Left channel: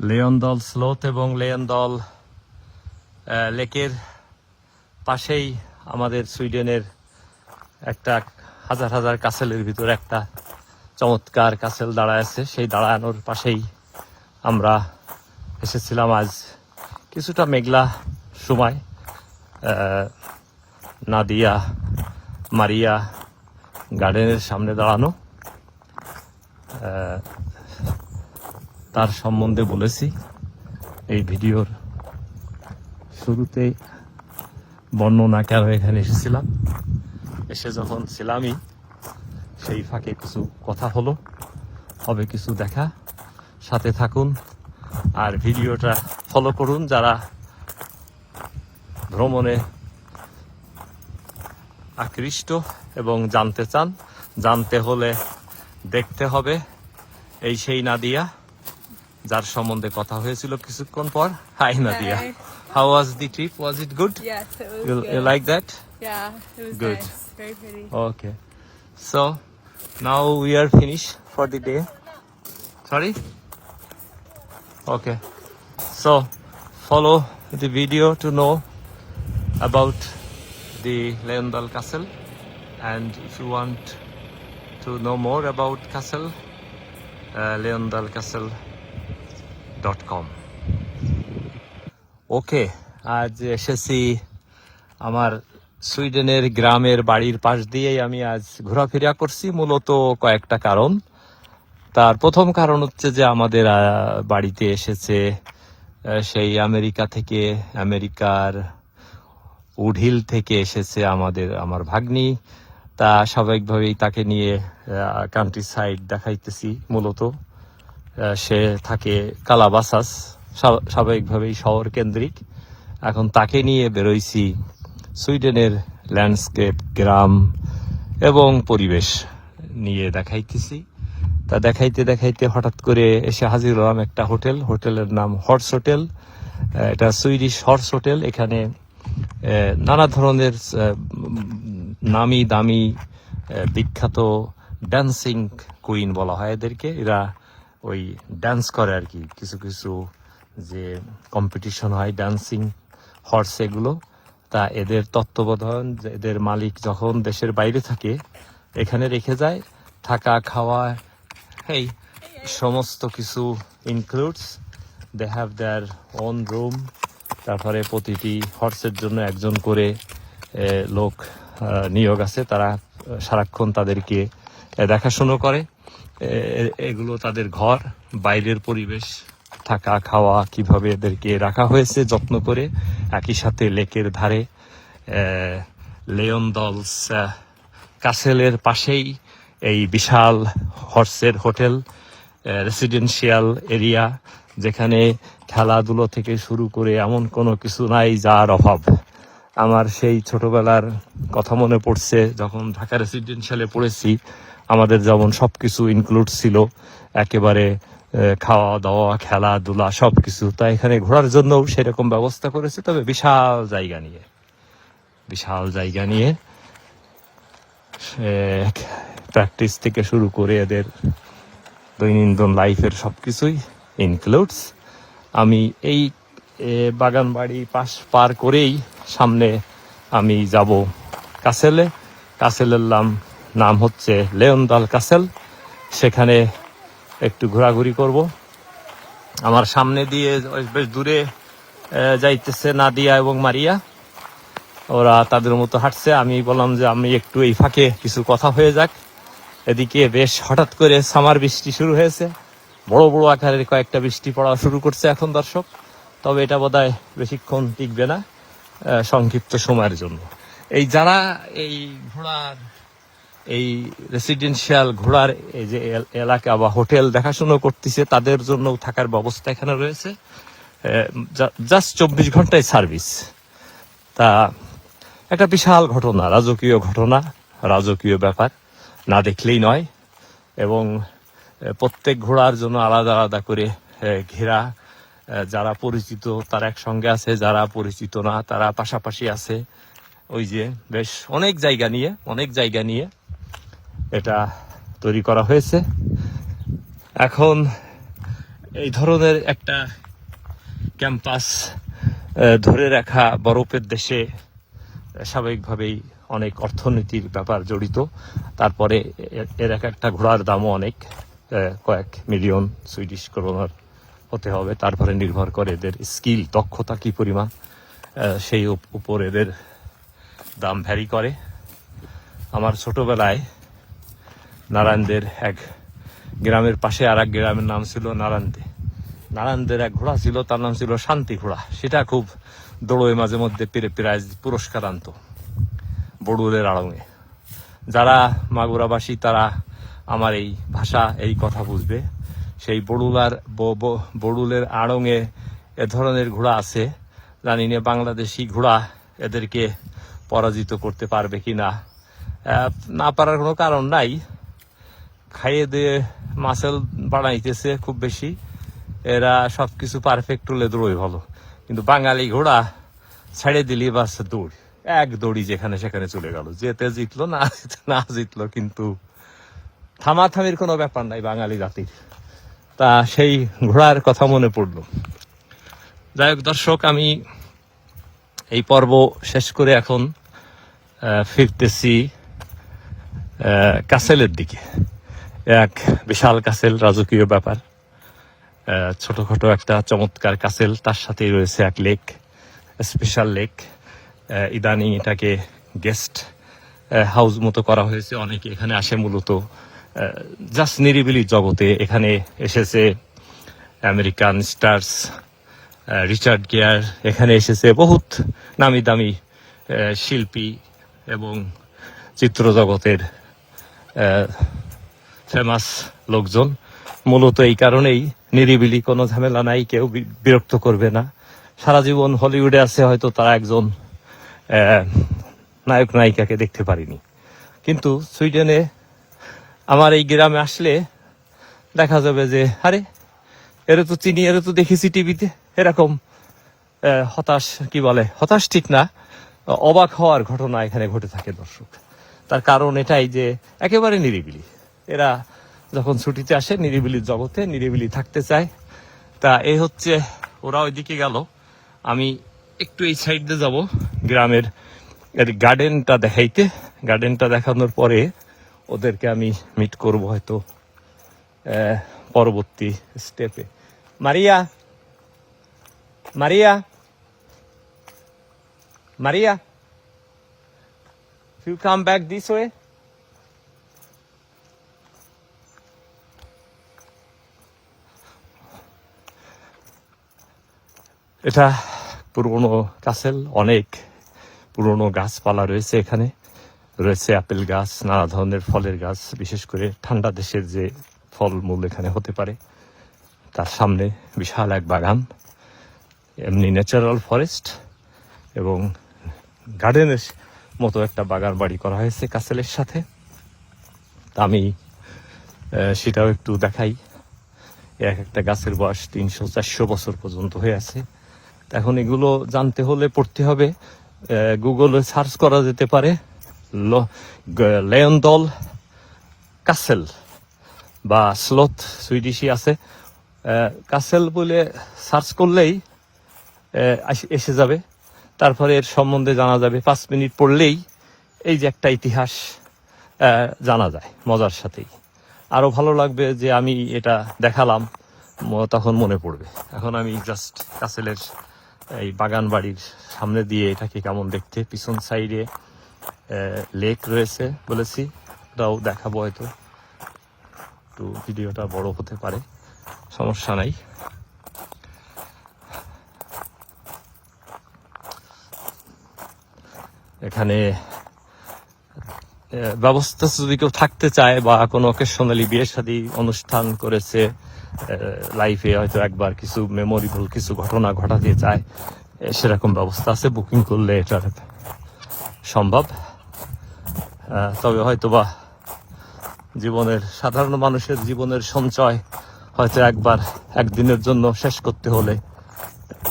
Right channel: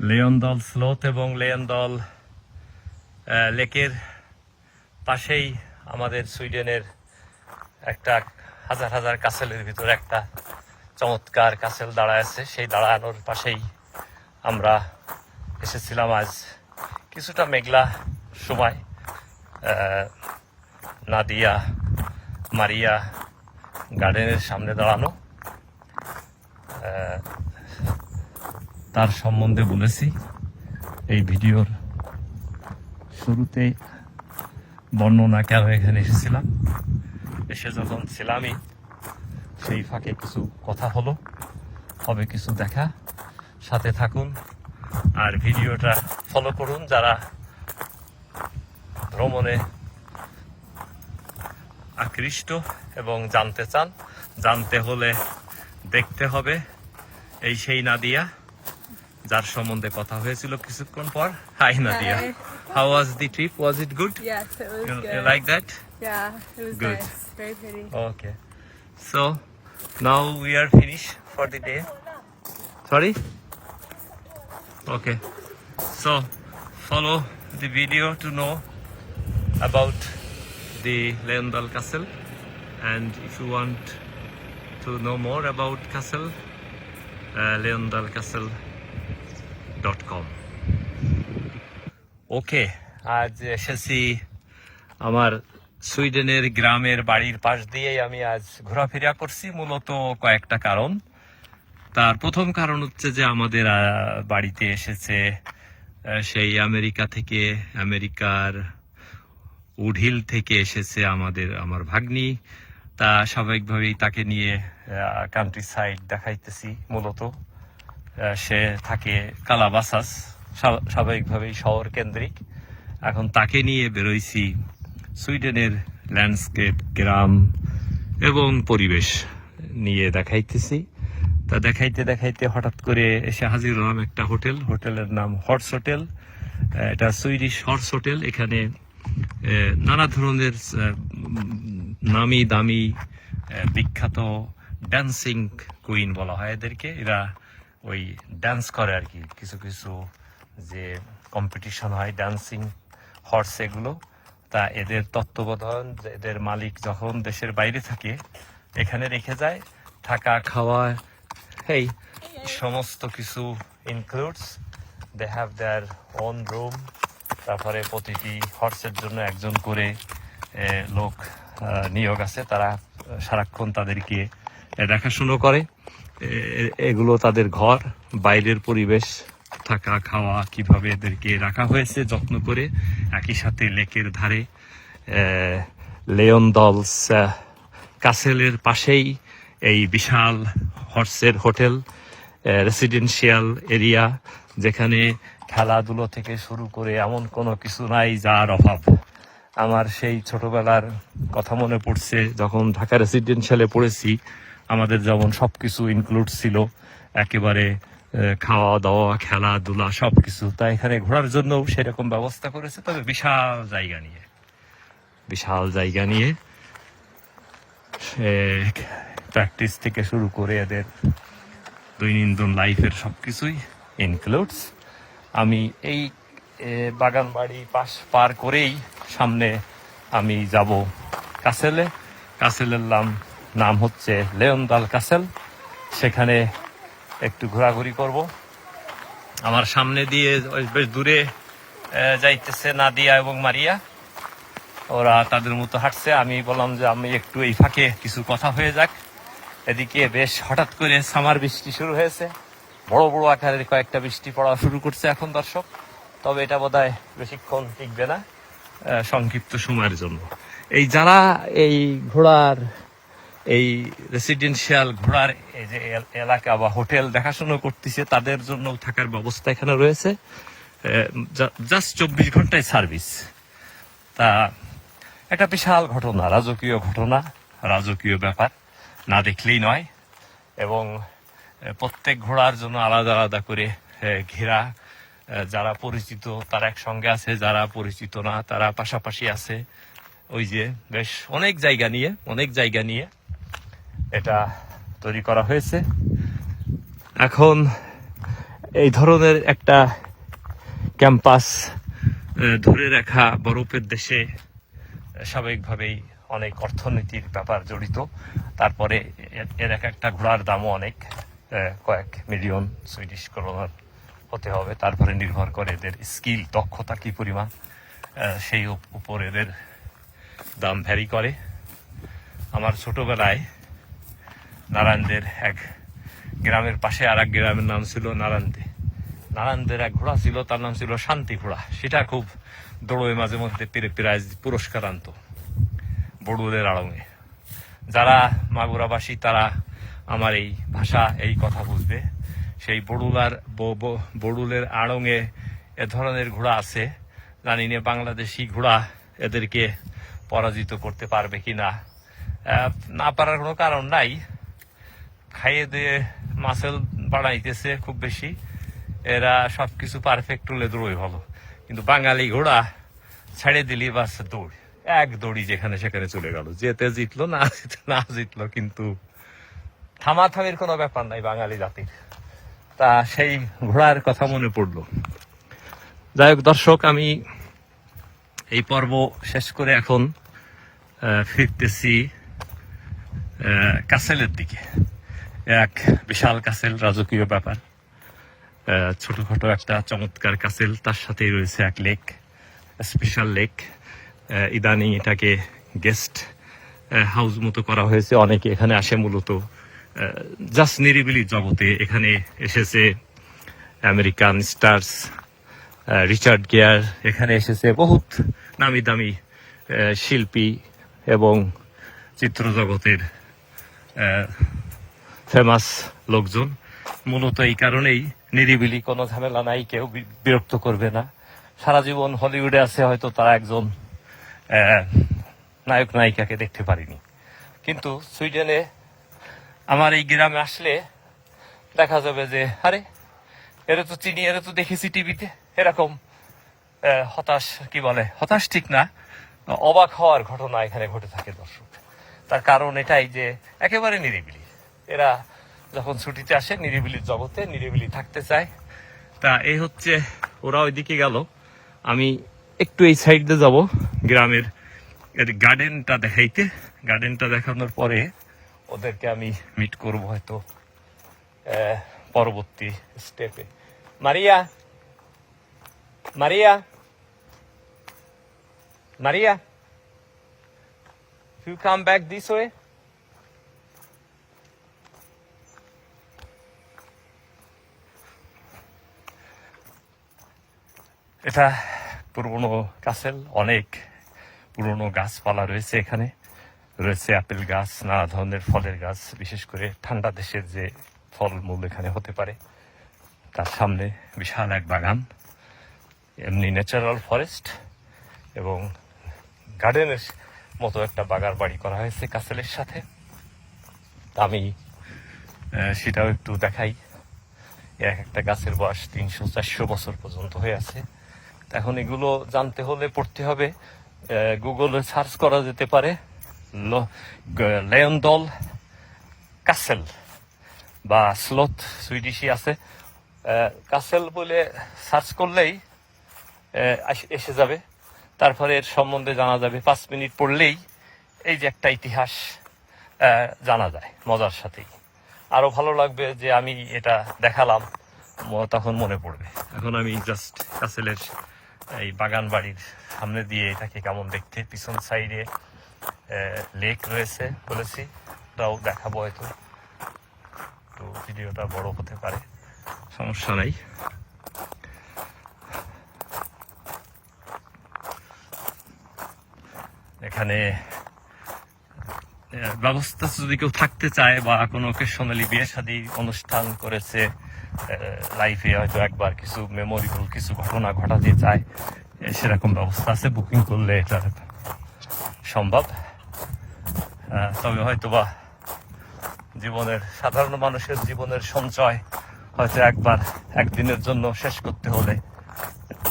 লেয়নদল sloth এবং লেয়নদল লেকের পাশেই আমাদের সুইডেনের একটা হাজার হাজার কাসেলের ভিতর একটা চমৎকার কাসেল দাঁড়ায় আছে। সেই দাঁড়ানোর পাশেই আমরা এসেছিলাম আজ কিছুটা মেঘলা সময়। নাদিয়া, মারিয়া গার্ডেনের সামনে দাঁড়ানো। তার সম্বন্ধে বলেছি। এই ভিডিওর শুরুতে বর্ণনা কেন এখানে এসেছিলাম? এসে যখন ছিলামই, সেই ফাঁকে কিছু কথা হলো, হবে কিছু দেখা। সাথে থাকুন আর ভিডিওটা ফলো করুন যারা ভ্রমণে আকৃষ্ট এবং জানতে চান, জানতে হলে দেখতে হবে। এই সেই নাদিয়া। যার সম্বন্ধে কথা হয়েছিল কিছুক্ষণ পর। Hi Nadia how was the trip was it good you like that good okay so now we are finish for the day sorry okay so follow the video to know about the Leondal castle and if you want to know more about castle Leondal castle leondalcastle.com. Okay আজ এসেছি আমার সুইডেনের গ্রামের বাড়ির পাশ দিয়েই আমি আজ ঘোরাফেরা করছি, মূলত কয়েকটা কারণ। তার প্রথম কারণ হচ্ছে যে আমাদের বাড়িতে এসেছে সেই আমেরিকা থেকে, আমেরিকার উডহিল থেকে এসেছে আমাদের, আমার ভাগ্নি। তা স্বাভাবিকভাবেই তাকে নিয়ে কান্ট্রি সাইড দেখাইতেছি মূলত। সে থাকে কালাবাসাস স্বাভাবিকভাবেই শহর কেন্দ্রিক এখন তাকে নিয়ে বেরোইছি সুইডেনের ল্যান্ডস্কেপ, গ্রাম এবং পরিবেশ নিয়ে দেখাইতেছি। তা দেখাইতে দেখাইতে হঠাৎ করে এসে হাজির হলাম একটা হোটেল। হোটেলের নাম হর্স হোটেল। এটা সুইডিশ হর্স হোটেল। এখানে নানা ধরনের নামি দামি বিখ্যাত ড্যান্সিং কুইন বলা হয় এদেরকে। এরা ওই ডান্স করে আর কি। কিছু কিছু যে কম্পিটিশন হয় ড্যান্সিং হর্স এগুলো, তা এদের তত্ত্বাবধান, এদের মালিক যখন দেশের বাইরে থাকে, এখানে রেখে যায়, থাকা, খাওয়া, এই সমস্ত কিছু includes they have their own room তারপরে প্রতিটি হর্সের জন্য একজন করে লোক নিয়োগ আছে, তারা সারাক্ষণ তাদেরকে দেখাশুনো করে। এগুলো তাদের ঘর, বাইরের পরিবেশ, থাকা, খাওয়া, কীভাবে এদেরকে রাখা হয়েছে, যত্ন করে। একই সাথে লেকের ধারে লেয়ন দলস কাসেলের পাশেই এই বিশাল হর্সের হোটেল রেসিডেন্সিয়াল এরিয়া যেখানে খেলাধুলো থেকে শুরু করে এমন কোনো কিছু নাই যার অভাব। আমার সেই ছোটবেলার কথা মনে পড়ছে, যখন ঢাকা রেসিডেন্সিয়ালে পড়েছি। আমাদের যেমন সব কিছু ইনক্লুড ছিল, একেবারে খাওয়া দাওয়া, খেলাধুলা সব কিছু তো এখানে ঘোরার জন্য সেরকম ব্যবস্থা করেছে, তবে বিশাল জায়গা নিয়ে, বিশাল জায়গা নিয়ে প্র্যাকটিস থেকে শুরু করে এদের দৈনন্দিন লাইফের সব কিছুই ইনক্লুডস আমি এই বাগান বাড়ি পাশ পার করেই সামনে আমি যাব কাসেলে কাসেলের নাম নাম হচ্ছে লেওনদাল কাসেল। সেখানে একটু ঘোরাঘুরি করব। আমার সামনে দিয়ে বেশ দূরে যাইতেছে নাদিয়া এবং মারিয়া। ওরা তাদের মতো হাঁটছে। আমি বললাম যে আমি একটু এই ফাঁকে কিছু কথা হয়ে যাক। এদিকে বেশ হঠাৎ করে সামার বৃষ্টি শুরু হয়েছে। বড় বড় আকারের কয়েকটা বৃষ্টি পড়া শুরু করছে এখন দর্শক। তবে এটা বোধহয় বেশিক্ষণ টিকবে না সংক্ষিপ্ত সময়ের জন্য। এই যারা এই ঘোড়ার এই রেসিডেন্সিয়াল ঘোড়ার এই যে এলাকা বা হোটেল দেখাশুনো করতেছে, তাদের জন্য থাকার ব্যবস্থা এখানে রয়েছে। জাস্ট চব্বিশ ঘন্টায় সার্ভিস তা একটা বিশাল ঘটনা, রাজকীয় ঘটনা, রাজকীয় ব্যাপার। না দেখলেই নয়। এবং প্রত্যেক ঘোড়ার জন্য আলাদা আলাদা করে ঘেরা যারা পরিচিত তারা একসঙ্গে আছে, যারা পরিচিত না তারা পাশাপাশি আছে। ওই যে বেশ অনেক জায়গা নিয়ে, অনেক জায়গা নিয়ে এটা তৈরি করা হয়েছে। এখন এই ধরনের একটা ক্যাম্পাস ধরে রাখা বরফের দেশে স্বাভাবিকভাবেই অনেক অর্থনীতির ব্যাপার জড়িত। তারপরে এর এক একটা ঘোড়ার দামও অনেক কয়েক মিলিয়ন সুইডিশ করোনার হতে হবে। তারপরে নির্ভর করে এদের স্কিল, দক্ষতা কি পরিমাণ সেই উপর এদের দাম ভ্যারি করে। আমার ছোটবেলায় নারায়ণদের এক গ্রামের পাশে আর এক গ্রামের নাম ছিল নারায়ণদে। নারায়ণদের এক ঘোড়া ছিল, তার নাম ছিল শান্তি ঘোড়া। সেটা খুব দৌড়ে মাঝে মধ্যে পেরে প্রাইজ পুরস্কার আনতো বড়ুলের আড়ঙে। যারা মাগুরাবাসী, তারা আমার এই ভাষা, এই কথা বুঝবে। সেই বড়ুলার বড়ুলের আড়ঙে এ ধরনের ঘোড়া আছে। জানি না বাংলাদেশি ঘোড়া এদেরকে পরাজিত করতে পারবে কি না না পারার কোনো কারণ নাই। খাইয়ে দিয়ে মাসেল বানাইতেছে খুব বেশি। এরা সব কিছু পারফেক্ট হলে দৌড়ই ভালো। কিন্তু বাঙালি ঘোড়া ছেড়ে দিলি বাস দৌড়। এক দড়ি যেখানে সেখানে চলে গেল। যেতে জিতলো, না না জিতলো কিন্তু থামাথামির কোনো ব্যাপার নাই বাঙালি জাতির। তা সেই ঘোড়ার কথা মনে পড়ল। যাই হোক দর্শক, আমি এই পর্ব শেষ করে এখন ফিরতেছি কাসেলের দিকে। এক বিশাল কাসেল রাজকীয় ব্যাপার। ছোটখাটো একটা চমৎকার কাসেল তার সাথেই রয়েছে এক লেক স্পেশাল লেক ইদানিং এটাকে গেস্ট হাউস মতো করা হয়েছে। অনেকে এখানে আসে মূলত জাস্ট নিরিবিলি জগতে। এখানে এসেছে আমেরিকান স্টার্স রিচার্ড গিয়ার, এখানে এসেছে বহুত নামি দামি শিল্পী এবং চিত্র জগতের ফেমাস লোকজন। মূলত এই কারণেই নিরিবিলি কোনো ঝামেলা নাই, কেউ বিরক্ত করবে না। সারা জীবন হলিউডে আছে, হয়তো তারা একজন নায়ক, নায়িকাকে দেখতে পারিনি। কিন্তু সুইডেনে আমার এই গ্রামে আসলে দেখা যাবে যে, আরে, এরা তো চিনি, এরা তো দেখেছি টিভিতে, এরকম হতাশ, কি বলে, হতাশ ঠিক না, অবাক হওয়ার ঘটনা এখানে ঘটে থাকে দর্শক। তার কারণ এটাই যে, একেবারে নিরিবিলি। এরা যখন ছুটিতে আসে, নিরিবিলি জগতে নিরিবিলি থাকতে চায়। তা এই হচ্ছে, ওরা ওইদিকে গেল। আমি একটু এই সাইড দিয়ে যাব, গ্রামের এর গার্ডেনটা দেখাইতে। গার্ডেনটা দেখানোর পরে ওদেরকে আমি মিট করব হয়তো পরবর্তী স্টেপে Maria Maria Maria, you come back this way এটা পুরনো কাসেল অনেক পুরনো গাছপালা রয়েছে এখানে। রয়েছে আপেল গাছ, নানা ধরনের ফলের গাছ, বিশেষ করে ঠান্ডা দেশের যে ফলমূল এখানে হতে পারে। তার সামনে বিশাল এক বাগান, এমনি ন্যাচারাল ফরেস্ট এবং গার্ডেনের মতো একটা বাগান বাড়ি করা হয়েছে কাসেলের সাথে। আমি সেটাও একটু দেখাই। এক একটা গাছের বয়স তিনশো চারশো বছর পর্যন্ত হয়ে আছে। এখন এগুলো জানতে হলে পড়তে হবে। গুগলে সার্চ করা যেতে পারে লেয়নদল কাসেল বা স্লথ সুইডিশি আছে। কাসেল বলে সার্চ করলেই এসে যাবে। তারপরে এর সম্বন্ধে জানা যাবে। পাঁচ মিনিট পড়লেই এই যে একটা ইতিহাস জানা যায় মজার সাথেই। আরও ভালো লাগবে যে আমি এটা দেখালাম তখন মনে পড়বে। এখন আমি জাস্ট কাসেলের এই বাগান বাড়ির সামনে দিয়ে এটাকে কেমন দেখতে? পিছন সাইডে লেক রয়েছে বলেছি। ওটাও দেখাবো হয়তো। তো ভিডিওটা বড় হতে পারে। সমস্যা নাই। এখানে ব্যবস্থা যদি কেউ থাকতে চায় বা কোনো অকেশনালি বিয়ে শাদী অনুষ্ঠান করেছে লাইফে হয়তো একবার কিছু মেমোরেবল কিছু ঘটনা ঘটাতে চায় সেরকম ব্যবস্থা আছে বুকিং করলে এটা সম্ভব। তবে হয়তো বা জীবনের সাধারণ মানুষের জীবনের সঞ্চয় হয়তো একবার একদিনের জন্য শেষ করতে হলে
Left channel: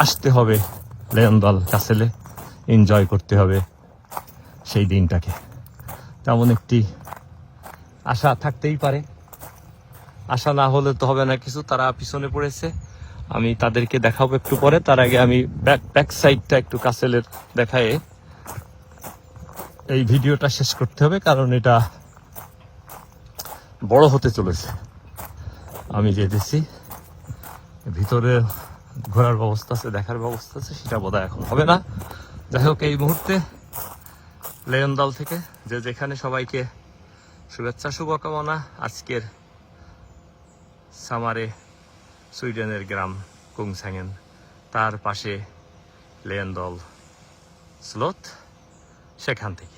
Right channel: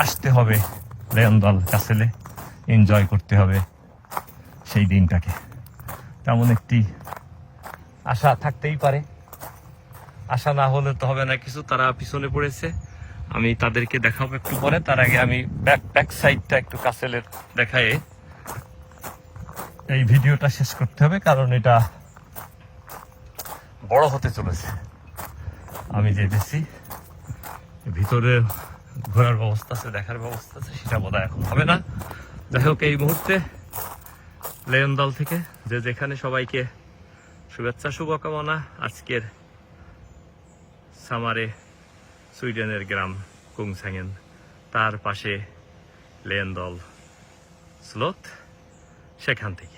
আসতে হবে লেয়নদল কাসেলে এনজয় করতে হবে সেই দিনটাকে। তেমন একটি আশা থাকতেই পারে। আশা না হলে তো হবে না কিছু। তারা পিছনে পড়েছে। আমি তাদেরকে দেখাবো একটু পরে। তার আগে আমি ব্যাক ব্যাক সাইডটা একটু কাছেলের দেখায় এই ভিডিওটা শেষ করতে হবে, কারণ এটা বড় হতে চলেছে। আমি যে দিছি ভিতরে ঘোরার ব্যবস্থা আছে, দেখার ব্যবস্থা আছে, সেটা বোধহয় এখন হবে না। যাই হোক, এই মুহূর্তে লেয়ন দল থেকে যে যেখানে সবাইকে শুভেচ্ছা, শুভকামনা, আজকের সামারে সুইডেনের গ্রাম কুংসাঙ্গেন তার পাশে লেন দল স্লোথ সেখান থেকে।